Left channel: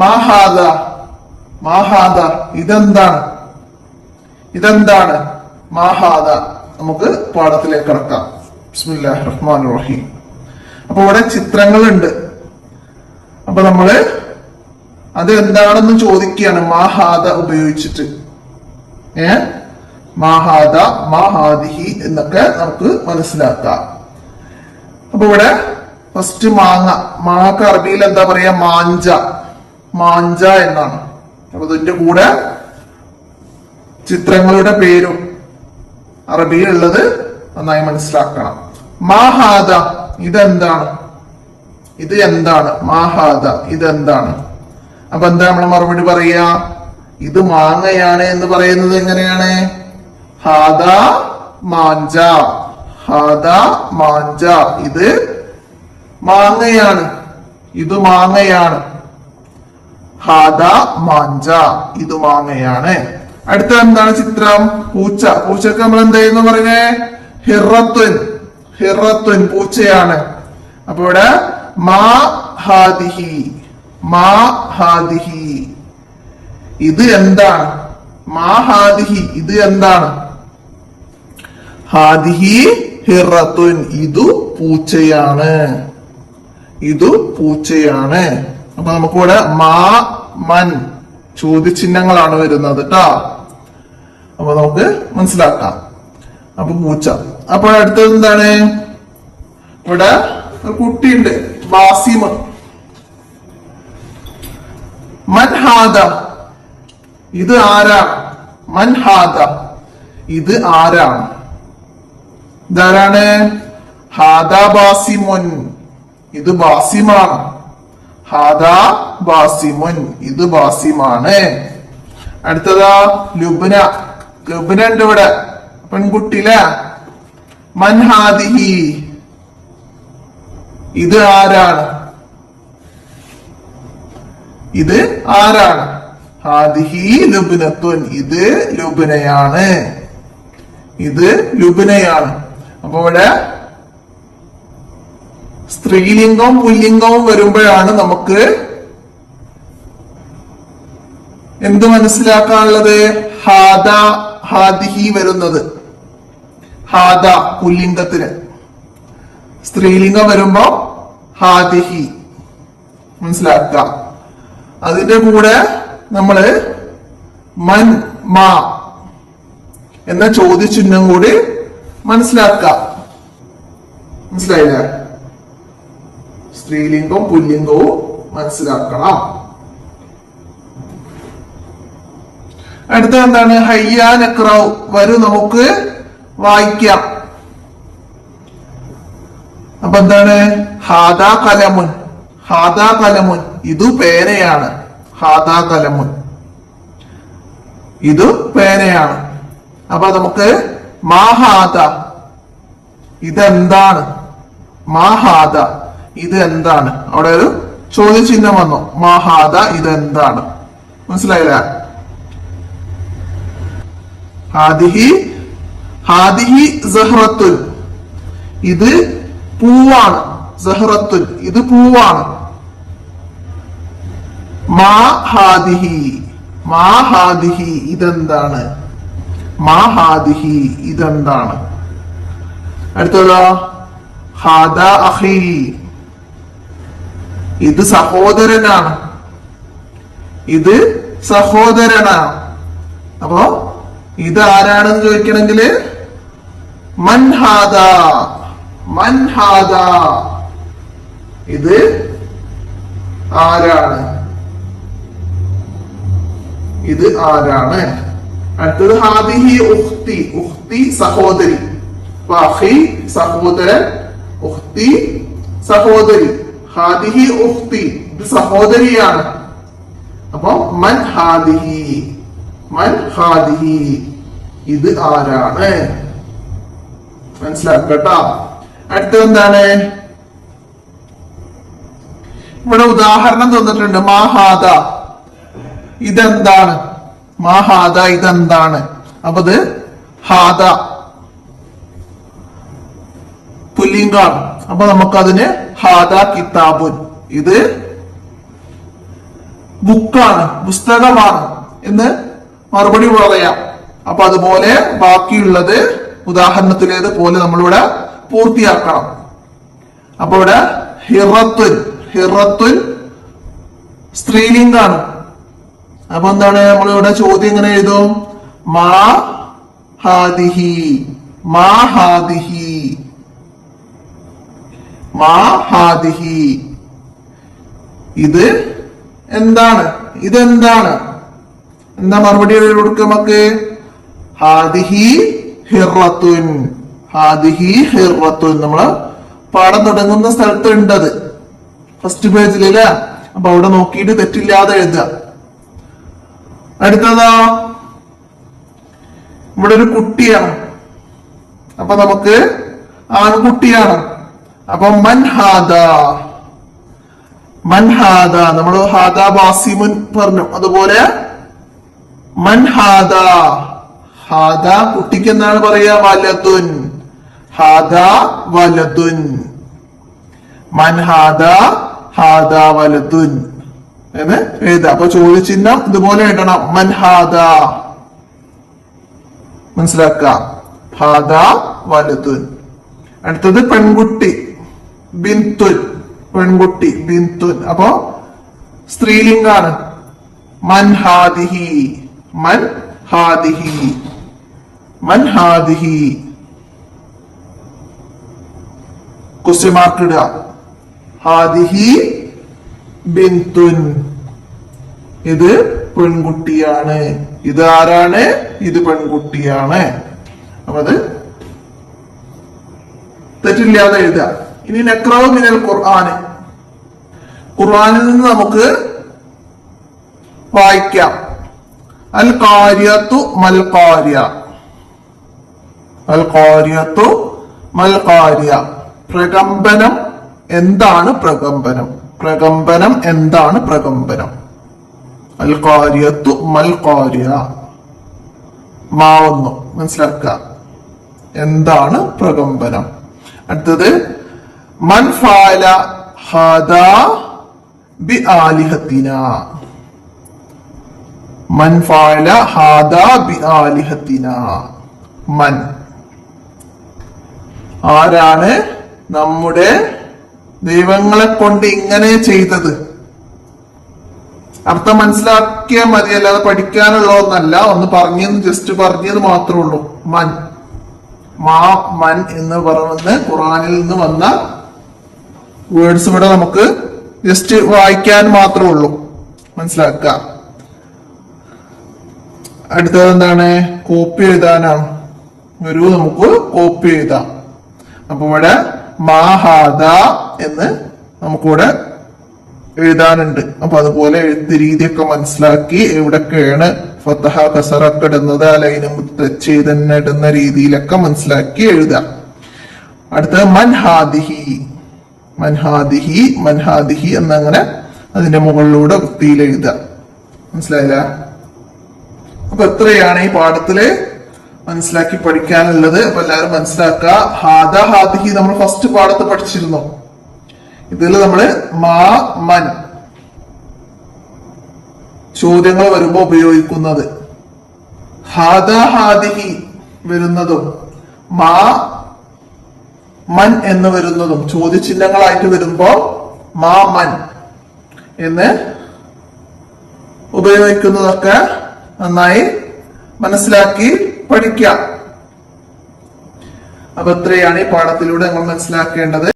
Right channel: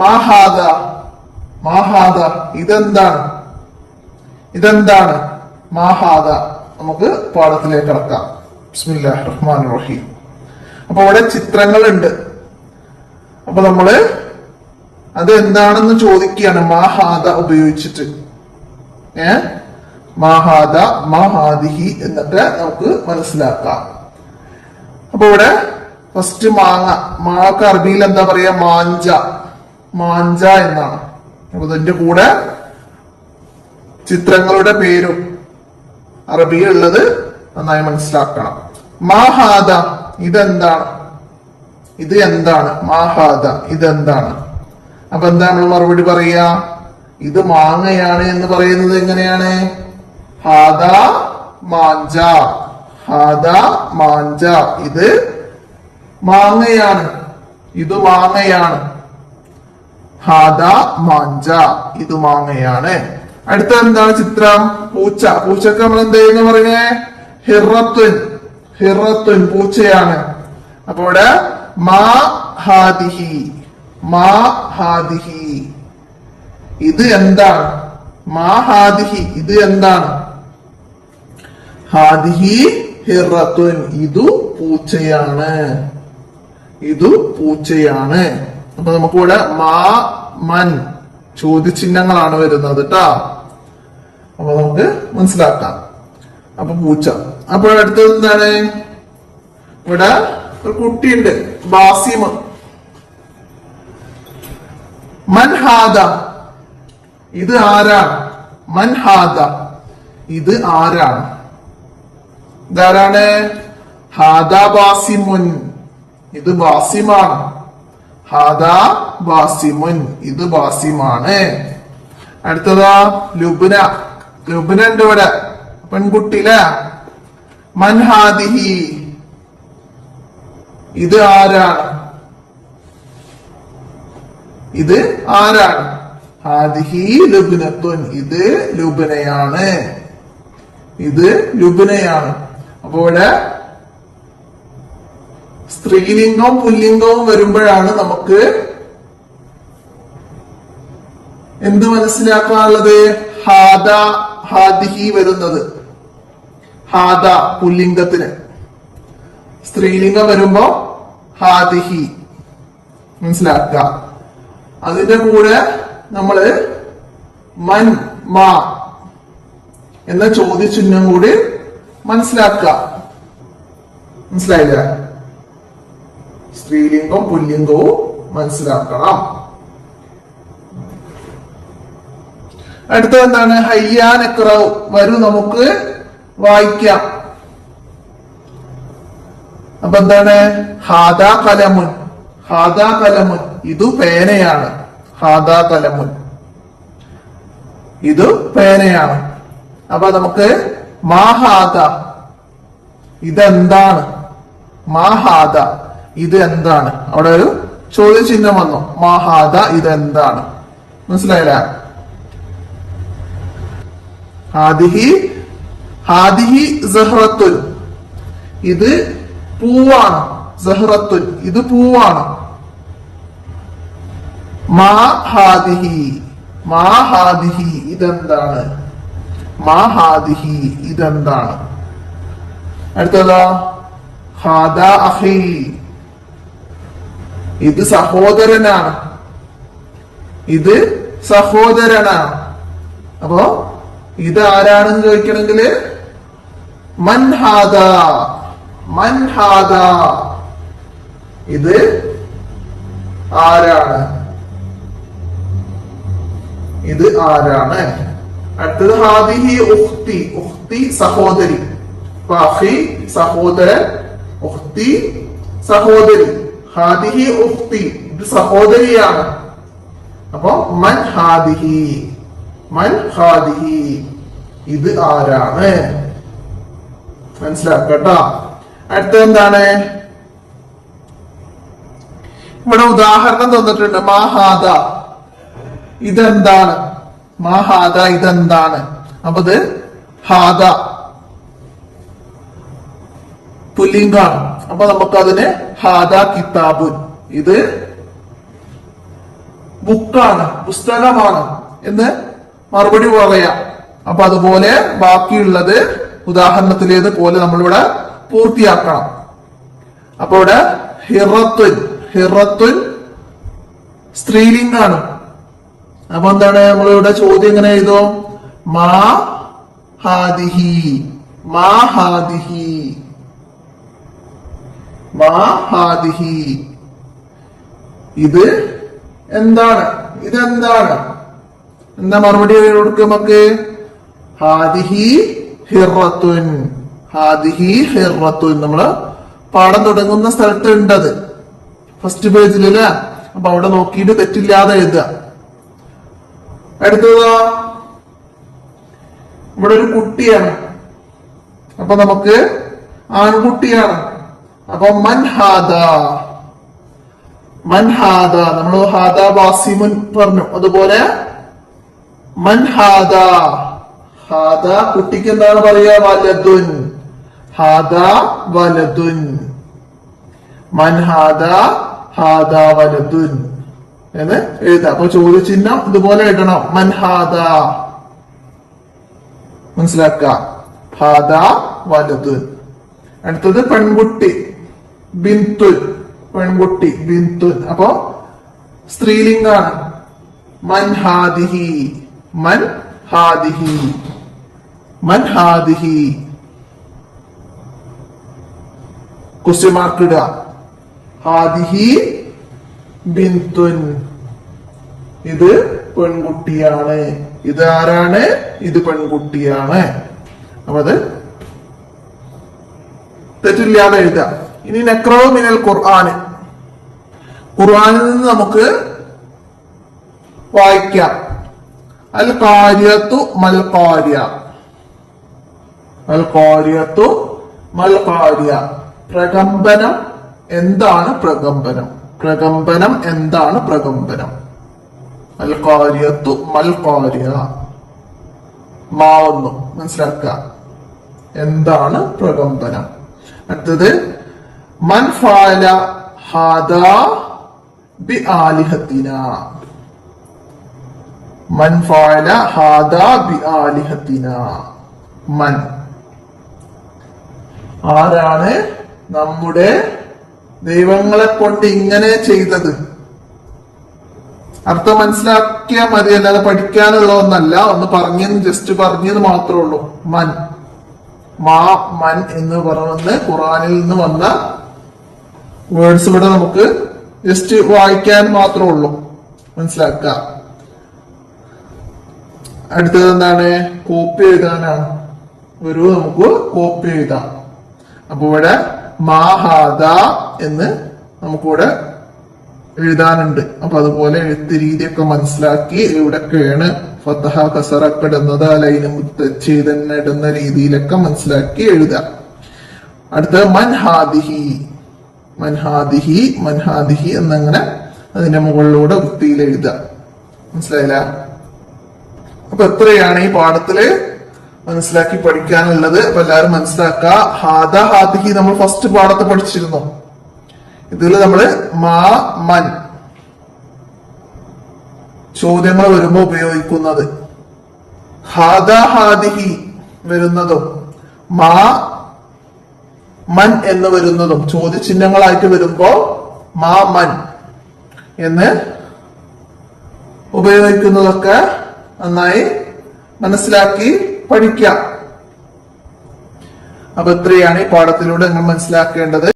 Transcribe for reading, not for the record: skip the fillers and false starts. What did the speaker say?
മാഹാദ മാഹാദ ഇതെന്താണ് മാഹാദ. നമുക്ക് പാഠത്തിലേക്ക് കടക്കാം. ബിസ്മില്ലാഹിർ റഹ്മാനിർ റഹീം. അപ്പൊ അവിടെ ചിത്രങ്ങളുണ്ട്. അപ്പൊ നമ്മള് അത് എന്താണെന്ന് ചോദിക്കുകയാണ് മാഹാദ ഉപയോഗിച്ചിട്ട്. മാഹാദ മാഹാദിഹി എന്നൊക്കെ നമുക്ക് മനസ്സിലാക്കാം. അപ്പൊ ഇവിടെ ഫസ്റ്റ് മാങ്ങക്ക് അറബിയിൽ എന്താ പറയാ? മാഞ്ച എന്നാണ്. അപ്പൊ ഇതിന്റെ കൂടെ ചിത്രങ്ങളുടെ പേരും അറബിയിലുള്ളത് നന്നായി മനസ്സിലാക്കണം. മാഹാദ ഇതെന്താണ്? മാഹാദ ഇതെന്താണ്? അപ്പൊ എന്താ നമ്മൾ മറുപടി പറയാ? ഇത് മാങ്ങയാണ് എന്ന് പറയുന്നത് എങ്ങനെയാണ്? ഹാദ മാഞ്ച ഇത് മാങ്ങയാണ്. ഹാദ മാഞ്ച ഇത് മാങ്ങയാണ്. അടുത്ത എന്താണ് ചിത്രം? പൂച്ചക്ക് നമ്മൾ എന്തായിരുന്നു പറയുന്നേ? ഹിറത്തുൻ പൂച്ചയാണ്. അപ്പൊ ഇവിടെ മാ ഹാദിഹി ഇത് എന്താണ്? ഇത് എന്താണ്? ഹാദിഹി ഹിറത്തുൻ ഇതു പൂച്ചയാണ്. അപ്പൊ നമുക്കിവിടെ മൻ ചോദ്യചിഹ്നങ്ങളാണ് വരുന്നത് കേട്ടോ. അപ്പൊ നമുക്ക് മനസ്സിലാക്കാം. അപ്പൊ പൂച്ച. അപ്പൊ അടുത്തത് എന്താണ്? ഇവിടെ ഒരു കുട്ടിയുണ്ട്, ബാസിമ. മൻഹാദ ഇത് ആരാണ്? മൻഹാദ ഇത് ആരാണ്? ഇതാരാണ്? ഹാദ ബാസിമുൻ ഇത് ബാസിമാണ്. ഹാദ ബാസിമുൻ ഇത് ബാസിമാണ്. അടുത്തതാ ലുബ്ന ഉണ്ട് ഇവിടെ, പെൺകുട്ടിയിലെ. മൻഹാദിഹി ഇത് ആരാണ്? ഹാദിഹി ലുബ്നത്തുൻ ഇത് ലുബ്നയാണ്. അപ്പൊ ഇവിടെ സ്ത്രീലിംഗവും പുല്ലിംഗവും വരുമ്പോഴാണ് നമുക്ക് എന്ത് മനസ്സിലാക്കാനുള്ളത്? ഹാദിഹി വരുന്നത്. ഹാദ പുല്ലിംഗത്തിന്, സ്ത്രീലിംഗം വരുമ്പോ ഹാദിഹി മനസ്സിലാക്കുക. അതിന്റെ കൂടെ നമ്മള് എന്ന ചോദ്യചിഹ്നം കൂടി മനസ്സിലാക്കുക. മനസ്സിലായില്ല? സ്ത്രീലിംഗവും പുല്ലിംഗവും മനസ്സിലാക്കണം. അടുത്ത എന്താണ്? ഹയ്യാനക്റൗ വരൂ നമുക്ക് വായിക്കാം. അപ്പൊ എന്താണ്? ഹാദാ കലമുൻ ഇത് പേനയാണ്. ഹാദാ കലമുൻ ഇത് പേനയാണ്. അപ്പൊ നമുക്ക് മാഹാദ ഇതെന്താണ്? മാഹാദ ഇത് എന്താണ്? അവിടെ ഒരു ചോദ്യചിഹ്നം വന്നു. മാഹാദ ഇതെന്താണ്? മനസ്സിലായില്ല? ഹാദിഹി സഹ്റത്തുൻ ഇത് പൂവാണ്. സഹ്റത്തുൻ ഇത് പൂവാണ്. മാഹാദിഹി ഇതെന്താണ്? അടുത്തതാ ഹാദ അഖി ഇത് സഹോദരനാണ്. അപ്പോ ഇത് ആരാണെന്ന് ചോദിക്കണമെങ്കിൽ മൻഹാദ ഇത് ആരാണ്? അടുത്തത് ഹാദിഹി ഉഖ്തി സഹോദരി. സഹോദരൻ, ഉഖ്തി സഹോദരി. ഹാദിഹി ഉഖ്തി ഇത് സഹോദരിയാണ്. അപ്പൊ മൻഹാദിഹി ഇത് ആരാണ്? മനസ്സിലാക്കട്ടോ. അടുത്ത എന്താണ്? ഇവിടെ ഉദാഹരണം തന്നിട്ടുണ്ട്. മാഹാദ ഇതെന്താണ്? അപ്പൊ ഇത് ഹാദ പുല്ലിംഗാണ്. അപ്പൊ നമുക്കതിന് ഹാദ കിതാബുൻ ഇത് ബുക്കാണ്, പുസ്തകമാണ് എന്ന് മറുപടി പറയാം. അപ്പൊ അതുപോലെ ബാക്കിയുള്ളത് ഉദാഹരണത്തിലേത് പോലെ നമ്മളിവിടെ പൂർത്തിയാക്കണം. അപ്പൊ ഇവിടെ ഹിറത്തുൻ, ഹിറത്തുൻ സ്ത്രീലിംഗാണ്. അപ്പൊ എന്താണ് നമ്മളിവിടെ ചോദ്യം എങ്ങനെ എഴുതും? മാ ഹാദിഹി, മാ ഹാദിഹി, മാ ഹാദിഹി. ഇത് എന്താണ്? ഇതെന്താണ്? എന്താ മറുപടി കൊടുക്കുക നമുക്ക്? ഹാദിഹി ഹിറത്തുൻ, ഹാദിഹി ഹിറത്തുൻ. നമ്മള് പാഠം തുടങ്ങുന്ന സ്ഥലത്ത് ഉണ്ടത് ഫസ്റ്റ് പേജിൽ അല്ലേ? അപ്പൊ അവിടെ നോക്കിയിട്ട് തെറ്റില്ലാതെ എഴുതുക. അടുത്തതാ ഇവിടെ ഒരു കുട്ടിയാണ്. അപ്പൊ നമുക്ക് ആൺകുട്ടിയാണ്. അപ്പൊ മൻഹാദ, മൻഹാദ. നമ്മൾ ഹാദ വാസിമുൻ പറഞ്ഞു. അതുപോലെ മൻഹാദ, ഹാദ കുട്ടിക്ക് എന്താണ് പറയാ? വലതുൻ, ഹാദ വലതുൻ. മൻഹാദ ഹാദ വലതുൻ എന്ന് എഴുതാം. അപ്പൊ ചോദ്യചിഹ്നം ഇതുപോലെ എഴുതണം. മൻഹാദ, മനസ്സിലാക്കാം. ഹാദ വലതുൻ. അടുത്തത് പെൺകുട്ടി, ബിന്തുൻ, പെൺകുട്ടി ബിന്തുൻ. അപ്പൊ സ്ത്രീലിംഗാണ്. മൻഹാദിഹി, മൻഹാദിഹി, മൻഹാദിഹി. ക്വസ്റ്റ്യൻ മാർക്ക് ഇടുക. ഹാദിഹി ബിന്തുൻ, ഇത് പെൺകുട്ടിയാണ്. ഇത് ആരാണ്? ഇത് പെൺകുട്ടിയാണ്. അപ്പൊ അത് തെറ്റില്ലാതെ എഴുതുക. ഇനി നഖ്റഉ മിനൽ ഖുർആൻ, ഖുർആനിൽ നിന്ന് നമുക്ക് വായിക്കാം. അൽ ഖാരിയത്തു മൽ ഖാരിയ, അൽ ഖാരിയത്തു മൽ ഖാരിയ. പ്രകമ്പനം എന്താണ്? പ്രകമ്പനം, പ്രകമ്പനം എന്താണ്? പ്രകമ്പനം. അൽ ഖാരിയത്തു മൽ ഖാരിയ. മാവുന്നു മനസ്സിലാക്കുക. എന്താണ് പ്രകമ്പനം? അടുത്തത് മൻ ഫഅല ഹാദാ ബി ആലിഹത്തിനാ, മൻ ഫഅല ഹാദാ ബി ആലിഹത്തിനാ. മൻ, ആരാണ് നമ്മുടെ ദൈവങ്ങളെ കൊണ്ട് ഇങ്ങനെ ചെയ്തത്? അർത്ഥം മനസ്സിലാക്കിയാൽ മതി, അല്ലാതെ പഠിക്കാനുള്ള ഒന്നല്ല. ഒന്ന് പറഞ്ഞെന്ന് ജസ്റ്റ് പറഞ്ഞത് മാത്രമേ ഉള്ളൂ. മൻ, മാ മൻ എന്ന് പറയുന്നത് ഖുറാനിൽ നിന്ന് വന്ന വേർഡ്സ് ഇവിടെ നമുക്ക് ജസ്റ്റ് വായിക്കാൻ മാത്രമേ ഉള്ളൂ, മനസ്സിലാക്കുക. അടുത്തത് എന്താണ്? കോപ്പി എഴുതാനാണ്. ഒരു നമുക്ക് കോപ്പി എഴുതാം. അപ്പൊ ഇവിടെ മാഹാദ എന്ന് നമുക്കിവിടെ എഴുതാനുണ്ട്. അപ്പൊ അതുപോലെ എഴുത്ത് രീതിയൊക്കെ മനസ്സിലാക്കി എവിടൊക്കെയാണ് ഫതഹ കസറൊക്കെ ഇടുന്നത്, ലൈന് ചെയ്തന്നെ ഇടുന്ന രീതിയിലൊക്കെ മനസ്സിലാക്കി എഴുതാം. അടുത്തത് മൻഹാദിഹി, മൻഹാദിഹി, മൻഹാദിഹി എന്നങ്ങനെ അതിന്റെ മുകളിലൂടെ വൃത്തിയിൽ എഴുതാം. മനസ്സിലായില്ല? അപ്പൊ എത്രയാണ് ഈ പാഠത്തില് മനസ്സിലാക്കി പഠിക്കാനുള്ളത്? അപ്പൊ എല്ലാവരും മനസ്സിലാക്കുക. ഹാദ ഹാദിഹി നമ്മൾ ഫസ്റ്റ് പാഠത്ത് പഠിച്ചിരുന്നു. ഇതിൽ നമ്മള് മാ മൻ ചോദ്യങ്ങൾ വരുമ്പോ ഉപയോഗിക്കുന്നത്, ഹാദ ഹാദിഹി വരുന്നതും മാ മൻ എന്ന് വരുന്നതും ചോദ്യചിഹ്നങ്ങളായിട്ട് വരുമ്പോ മാ മൻ എന്ന് ഉപയോഗിക്കുന്നതൊക്കെ നന്നായി മനസ്സിലാക്കി പഠിക്കാം. അപ്പൊ ഇത്രയാണ് ഈ പാഠത്തിലൂടെ നമ്മൾ മനസ്സിലാക്കേണ്ടത്.